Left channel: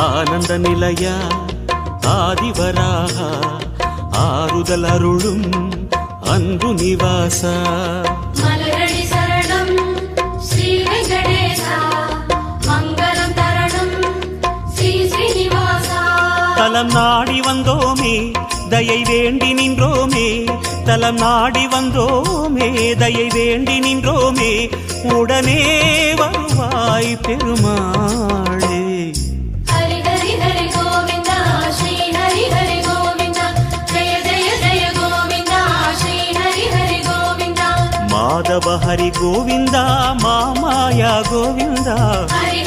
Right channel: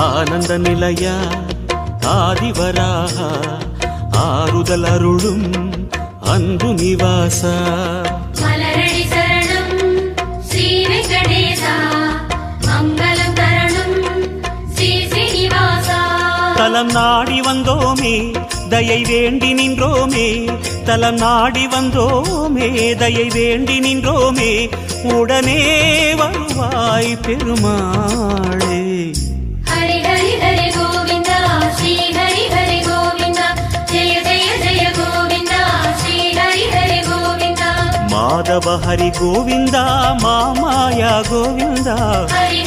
ஆனந்த நிலையா ஆதிவராக ஆறுதல் அருளும் அன்பு நிவாசா மலரடி சரணம் ஸ்ரீ வெங்கடேசா மங்களம் தரணும் ஸ்ரீ ஸ்ரீனிவாசா. தலம் நாடி வந்தோமே தயை வேண்டி நின்றோமே, தலம் நாடி வந்தோமே தயை வேண்டி நின்றோமே, உடனே வருவாய் பெருமாளே. ஹரி ஹரி ஹரி கோவிந்தா ஸ்ரீ ஹரி ஹரி கோவிந்தா ஜெய ஜெய ஜெய கோவிந்தா ஸ்ரீ ஹரி ஹரி கோவிந்தா. மாதவ ஹரி கோவிந்தா மாமாயா கோவிந்தா ஹரி